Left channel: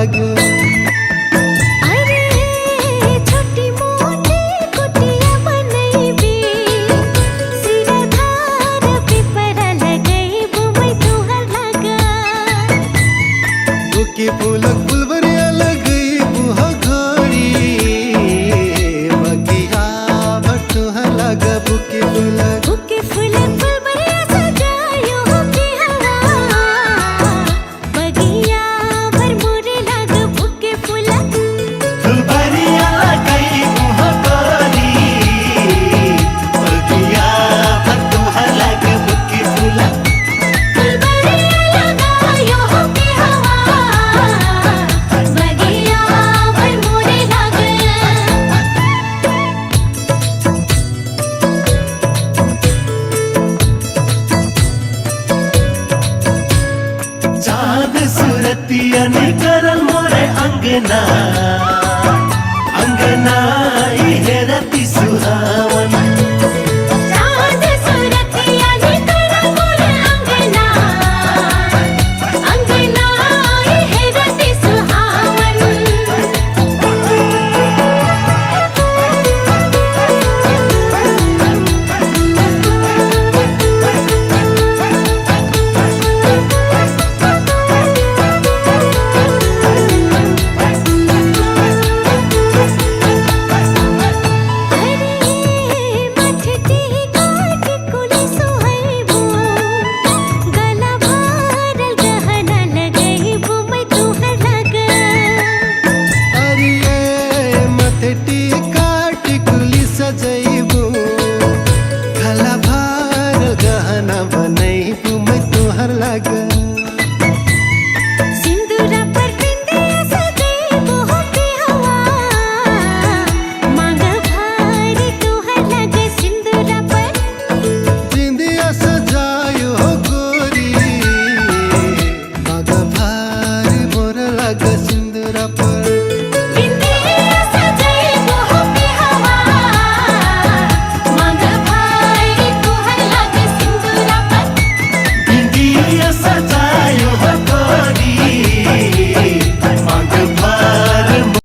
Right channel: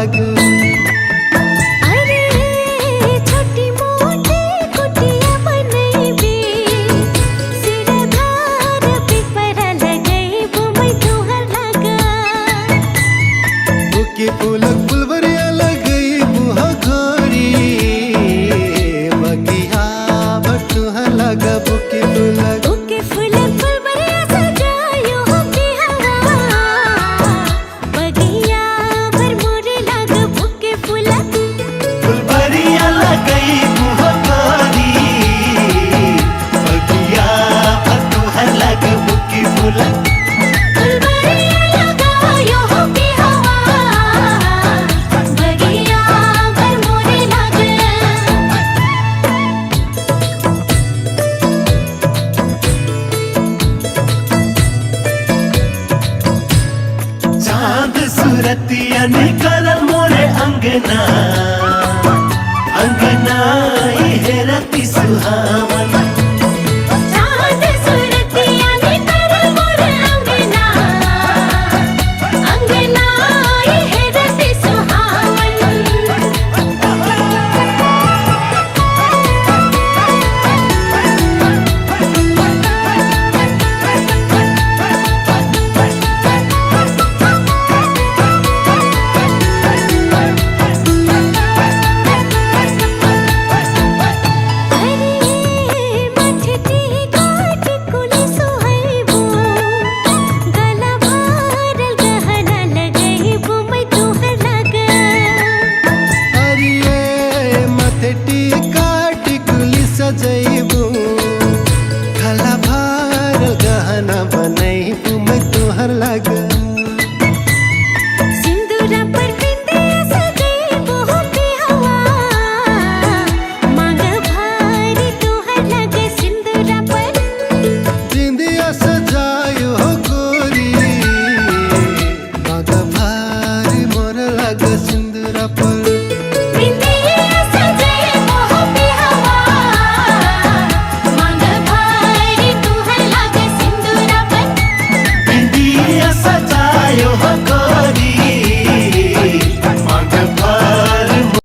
लाग। अरे छोटी मोटी कुटिया बनैबे सिरधार पिपरा लगैबो मैं तुहर लगा। बुके फूलक फुलवरिया लगैबो घड़ी बगिया भटुहर लागा। बुके फूलक फुलवरिया सजायो के हवा बगिया भर मोरे लाग। बुके फूलक फुलवरिया लगैबो घड़ी बगिया भटुहर लागा। बुके फूलक फुलवरिया लगायो के हवा बगिया भर मोरे लाग। चाँद सुरतिया निकरल मोरे अंगना। अंगना है रति सुहावन। चाँद सुरतिया निकरल मोरे अंगना। अंगना है रति सुहावन। अरे मठती काट कुली सोहैबो गला भरल गहना लगैबो मैं तुहर लगा। अरे मथटी काट कुली सजैबो गला भरल गहना बनैबो मैं तुहर लाग।